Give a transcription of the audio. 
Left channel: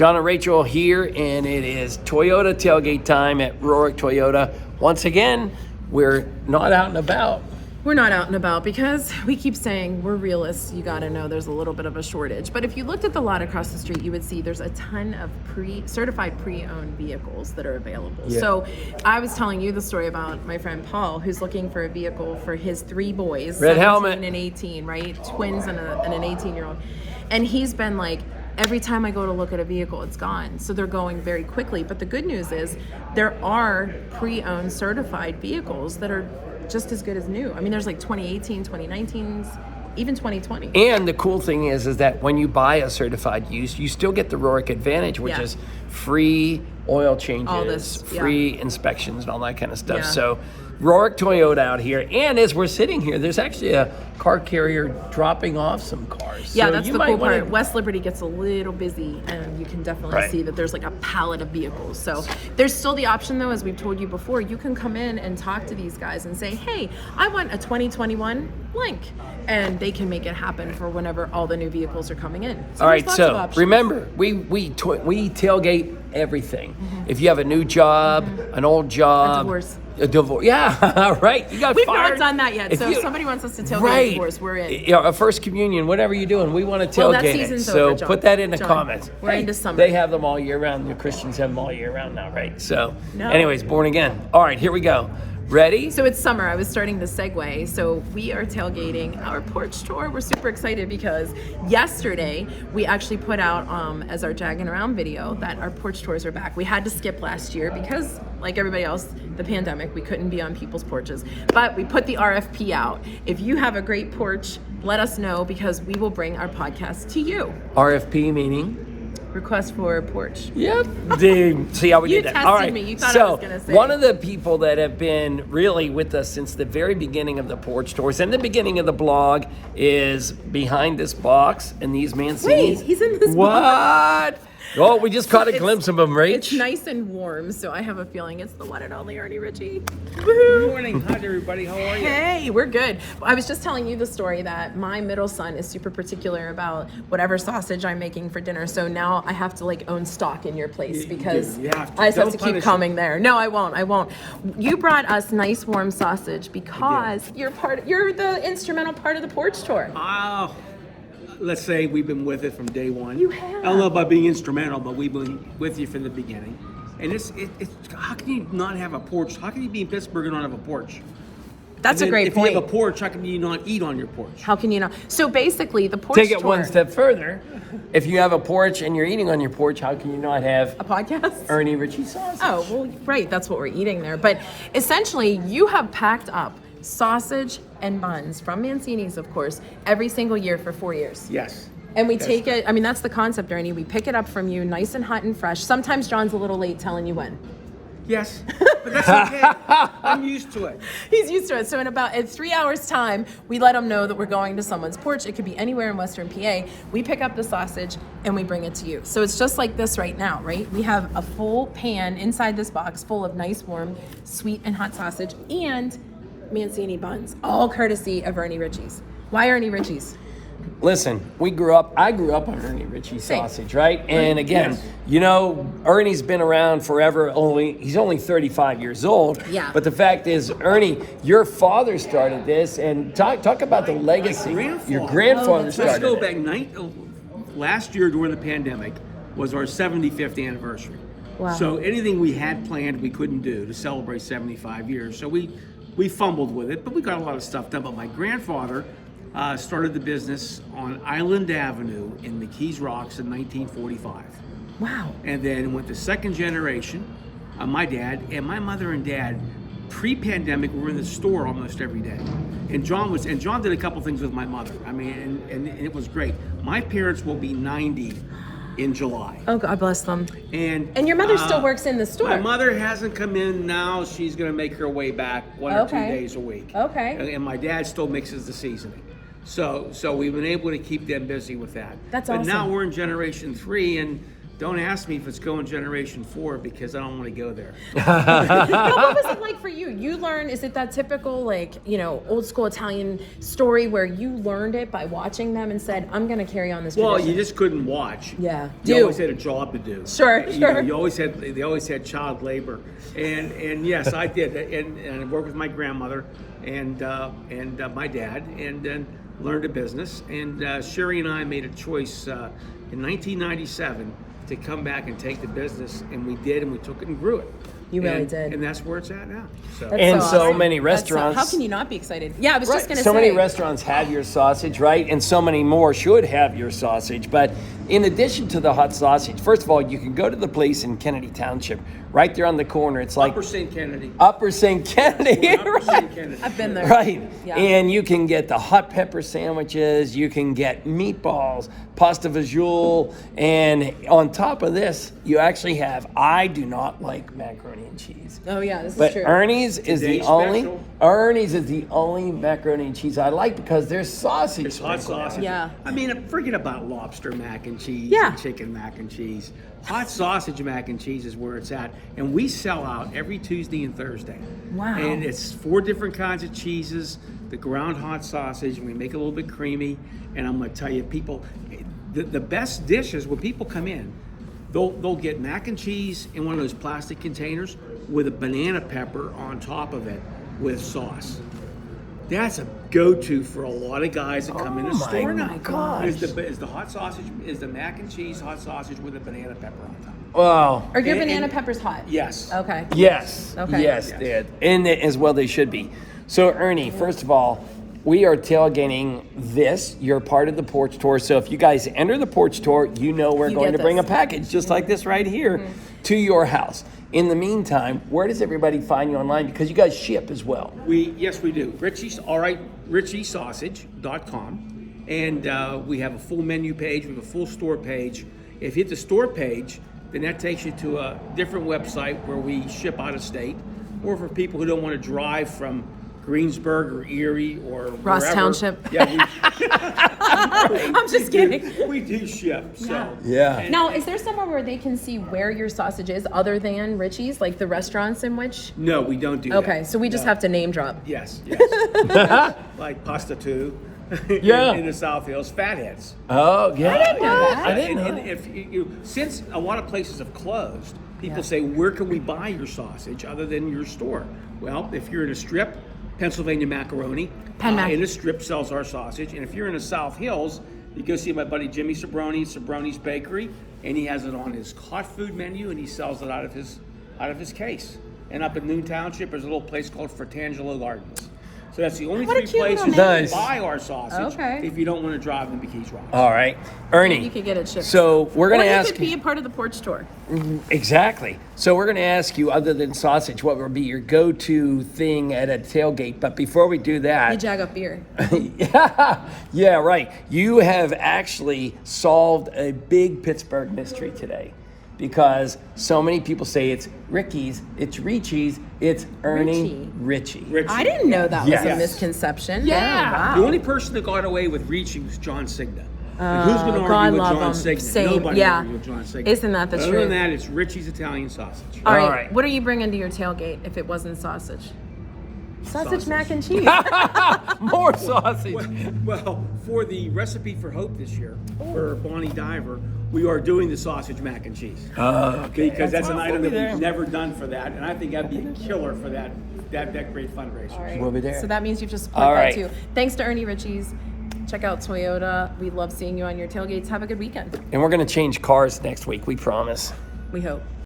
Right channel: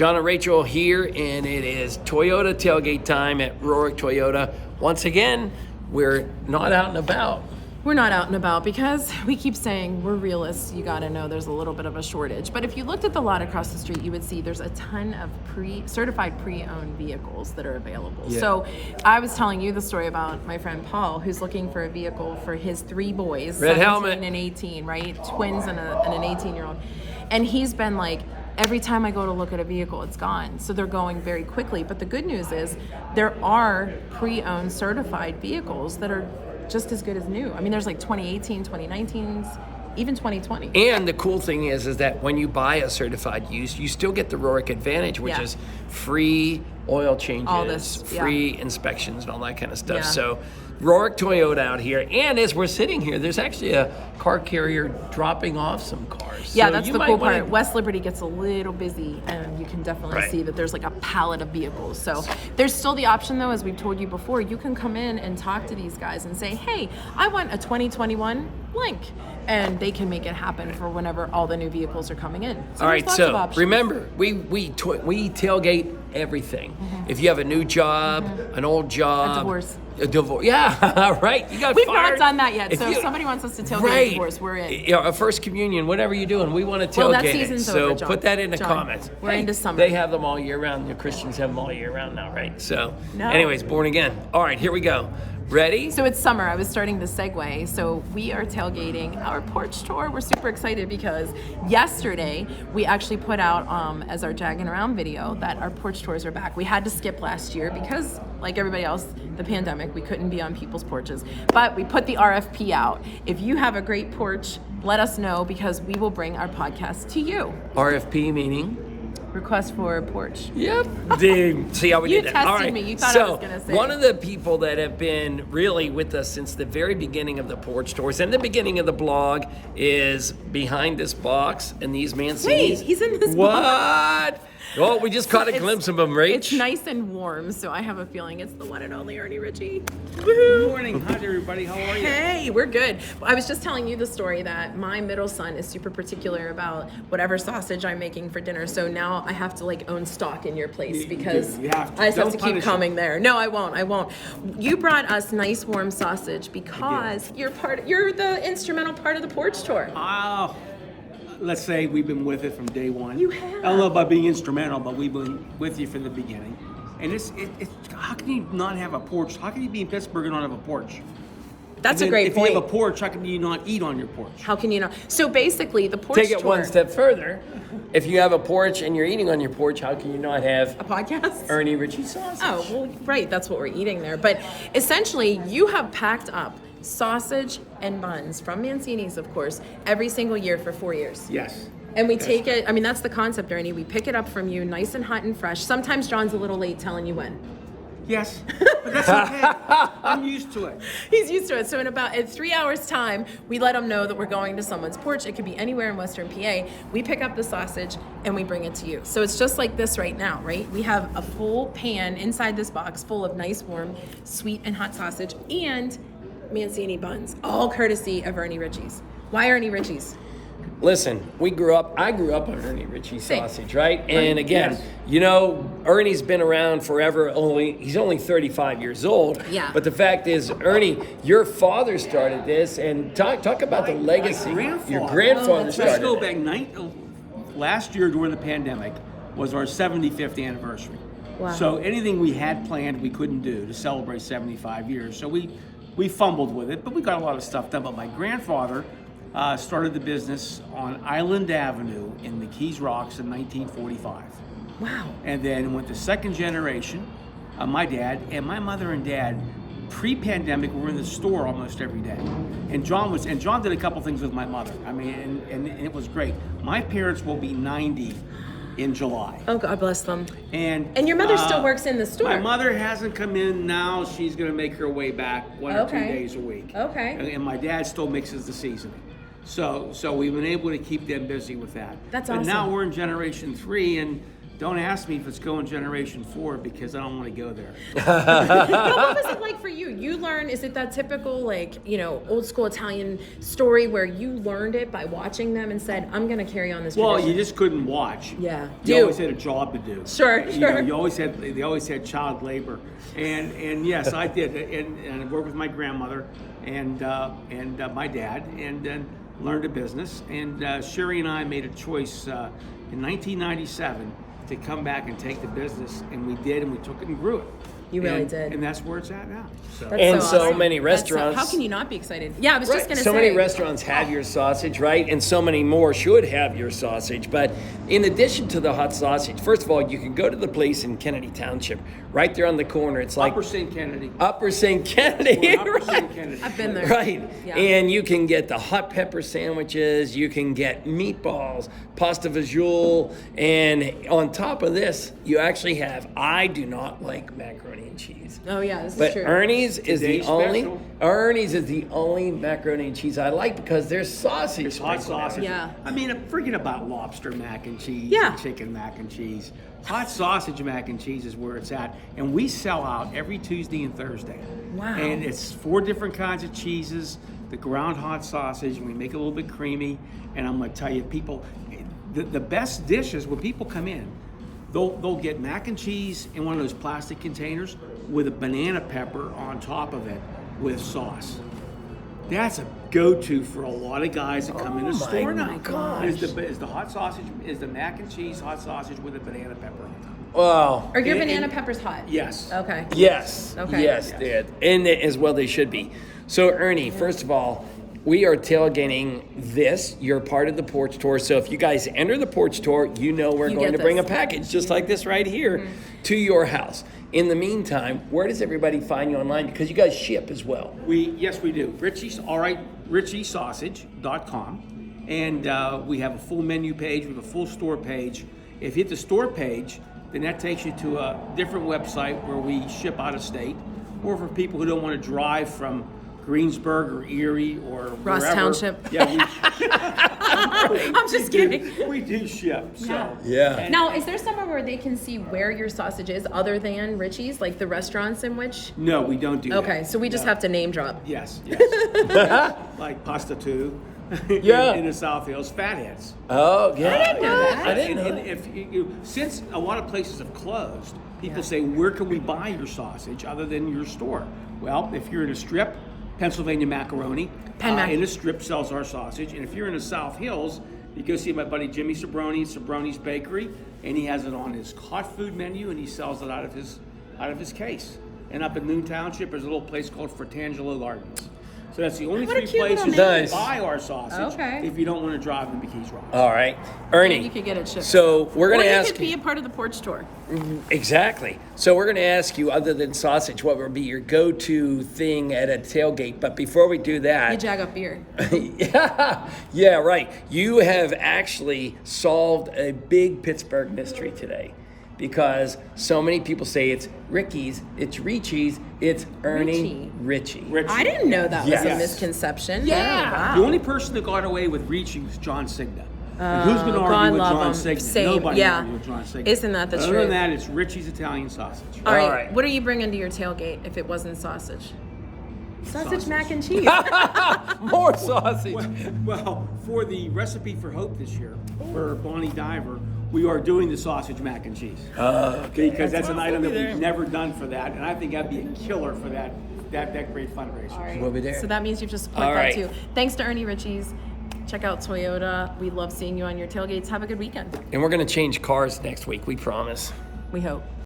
John and Rachel here, and it is Toyota tailgate time at Rohrich Toyota. Once again, we're not out and about. We're not out and about because we keep saying we're realists. You got to know there's a little bit of a shortage. But if you looked at the lot across the street, you would see there's a ton of certified pre-owned vehicles that are available. Yeah. So I was telling you the story about my friend Paul, who's looking for a vehicle for his 3 boys. Red helmet. And 18, right? Twins and an 18-year-old. And he's been like, every time I go to look at a vehicle, it's gone. So they're going very quickly. But the good news is there are pre-owned certified vehicles that are just as good as new. I mean, there's like 2018, 2019s, even 2020. And the cool thing is that when you buy a certified used, you still get the Rohrich Advantage, which is free oil changes, free inspections, and all that kind of stuff. Yeah. So Rohrich Toyota out here. And as we're sitting here, there's actually a car carrier dropping off some cars. Yeah, so that's the cool part. West Liberty gets a little busy, and you can definitely see that there's like a pallet of vehicles. So there's still the option, though, as we've told you before, you can come in and talk to these guys and say, hey, I want a 2021 blank. And they can make it happen for whenever all the new vehicles are coming in. So all right, so remember, we tailgate everything. Mm-hmm. If you have a new job, an old job, a divorce. Yeah, right. You got We've fired. We've not done that yet. So if somebody wants us to tailgate a divorce, we're in. Yeah, a first communion, whatever you're doing, we want to tailgate it. So put that in the comments. We're into summer. They have them all year round. The Christians have them all year round now, right? So, anyways, born again. All right, here we go. Ready? So it's summer. I was starting the segue. So we are tailgating our porch tour. We're super excited because yesterday we actually put out as our Jagging Around video that our porch tours are back. We had to skip last year because, like everybody else, the pandemic, we couldn't be on people's porches. But we put the RFP out. If you have a great porch, let us know because we will bring our podcast to you. RFP meaning? Request for a porch. Yep. See how we did that. All right. Me. You thought so I was gonna say one of the people that have been really with us since the very beginning of the porch tours and the beginning of the blog is behind this box and these Mancinis. Wait, he's in this box. What? Oh, we just caught a glimpse of him, right? It's nice and warm, so I have a feeling it's the one and only Ernie Ricci. Good morning. Hi, everybody. How are you? Hey, we're good. I was just telling you the story that my middle son is super particular about whatever sausage I'm making for dinner, so now I have to own stock in your place because I just have to keep coming there. No, I won't. You brought us nice warm sausage because you're the instrumental part of the porch tour. Oh. Let's say we've been with it from day one. You have. I don't know about being instrumental, but we've been with you from the beginning. And it's how can you not have a porch? How can you be in Pittsburgh and not have a porch? That's a great point. If you have a porch, how can you not eat on your porch? How can you not? So basically, the porch Take it tour, one step further. If you have a porch and you're eating on your porch, how can you not have a podcast? Ernie Ricci sausage. Oh, well, right. That's what we're eating there. But essentially, you have packed up sausage and buns from Mancini's, of course, every single year for 4 years. Yes. And we take it, I mean, that's the concept, Ernie. We pick it up from you nice and hot and fresh. Sometimes John's a little late telling you when. Yes, but that's okay. I'm used to it. He's used to it. So in 3 hours' time, we let him know that we're going to someone's porch. It could be anywhere in Western PA. We pick up the sausage and we bring it to you. So it's just like this right now, right? We have a full pan inside this box full of nice, warm, sweet and hot sausage and Mancini buns, all courtesy of Ernie Ricci's. Why Ernie Ricci's? Listen, I grew up on Ernie Ricci sausage, right? And again, Ernie's been around forever. He's only 35 years old. Yeah. But the fact is, Ernie, your father started this, and talk about the legacy. Your grandfather started. Let's go back. Last year during the pandemic was our 75th anniversary. Wow. So anything we had planned, we couldn't do to celebrate 75 years. So we fumbled with it, but we got a lot of stuff done. But my grandfather started the business on Island Avenue in the Keys Rocks in 1945. Wow. And then went to second generation, my dad and my mother and dad, pre-pandemic, were in the store almost every day. And John did a couple things with my mother. I mean, and it was great. My parents will be 90 in July. Oh, God bless them. And your mother still works in the store. My mother hasn't come in now. She's going to make her way back one or 2 days a week. Okay. And my dad still mixes the seasoning. So we've been able to keep them busy with that. That's but awesome. Now we're in generation 3, and Don't ask me if it's going generation 4 because I don't want to go there. But what was it like for you? You learned, is it that typical, like, old school Italian story where you learned it by watching them and said, I'm going to carry on this Well, tradition? you just couldn't watch. Yeah. You always had a job to do. Sure. They always had child labor, and yes, I did, and I worked with my grandmother and my dad, and then learned a business. And Sherry and I made a choice in 1997 to come back and take the business, and we did, and we took it and grew it. You really did. And that's where it's at now. So. And so awesome. many That's restaurants. how can you not be excited? Yeah, I was just going to say. So many restaurants have your sausage, right? And so many more should have your sausage. But in addition to the hot sausage, first of all, you can go to the place in Kennedy Township, right there on the corner. It's like Upper St. Kennedy. Upper St. Kennedy. Upper Right. St. Kennedy. I've been there. Right. Yeah. And you can get the hot pepper sandwiches, you can get meatballs, pasta visual, and on top of this, you actually have, I do not like macaroni and cheese. Oh, yeah, this But is true. Ernie's is Today's special. Ernie's is the only macaroni and cheese I like because there's sausage Hot sprinkled in it. sausage. Yeah. I mean, forget about lobster mac and cheese, Yeah. and chicken mac and cheese. Hot sausage mac and cheese is where it's at, and we sell out every Tuesday and Thursday. Wow. And it's 4 different kinds of cheeses. The ground hot sausage, we make it a little bit creamy, and I'm going to tell you, people, the best dish is when people come in, they'll get mac and cheese in one of those plastic containers with a banana pepper on top of it with sauce. That's a go-to for a lot of guys that come in the store now. my gosh. Is the hot sausage, is the mac and cheese hot sausage with a banana pepper on top. Well, Are your And- banana and- peppers hot? Yes. Okay. yes. Okay. Yes, dude. And as well they should be. So Ernie, first of all, we are tailgating this. You're part of the porch tour. So if you guys enter the porch tour, you know we're You going get to bring a this. package just like this right here to your house. In the meantime, where does everybody find you online? Because you guys ship as well. Yes, we do. RichieSausage.com, and we have a full menu page with a full store page. If you hit the store page, then that takes you to a different website where we ship out of state, or for people who don't want to drive from Greensburg or Erie or Ross wherever. Township. Yeah, I'm just kidding. We do ship. So. Yeah. Now, is there somewhere where they can see where your sausage is other than Richie's, like the restaurants in which? No, we don't do that. Okay, so we just have to name drop. Yes, yes. Like Pasta 2 Yeah. in the South Hills, Fatheads. Oh, yeah. I didn't know that. I didn't know And that. if since a lot of places have closed, people Yeah. say, where can we buy your sausage other than your store? Well, if you're in a strip, Pennsylvania Macaroni, Penn Mac. in a strip sells our sausage. And if you're in the South Hills, you go see my buddy Jimmy Sabroni, Sabroni's Bakery, and he has it on his hot food menu, and he sells it out of his case. And up in Noon Township, there's a little place called Fratangelo Gardens. So that's the only What a 3 cute little places you name. can buy our sausage Okay. if you don't want to drive into Keys Rock. All right. Ernie. And you could get it shipped. So we're Or going to you ask could be a part of the porch tour. Exactly. So we're going to ask you, other than sausage, what would be your go-to thing at a tailgate? But before we do that, YaJagoff beer. yeah, right. You have actually solved a big Pittsburgh mystery today, because so many people say it's Ricky's, it's Ricci's, it's Ernie Ricci. I didn't know that was a Yes. misconception. Yeah. Oh, wow. The only person that got away with Ricci was John Signa. And who's going to God argue with love John him. Signa? Same. Nobody Yeah. argues with John Signa. Isn't that the Other truth? than that, it's Richie's Italian sausage. All right. All right. What are you bringing to your tailgate if it wasn't sausage? Sausage, mac and cheese. More sausage. Well, for the recipe for Hope this year, for Bonnie Diver, we are doing the sausage mac and cheese. Because that's an item that we've never done for that, and I think that'd be a killer for that great fundraiser. We'll be there. So that means you've just support All that right. too. Thanks to Ernie Ricci's. Check out Toyota. We love seeing you on your tailgates. Have a good weekend. And we're going to change cars next week, we promise. We hope.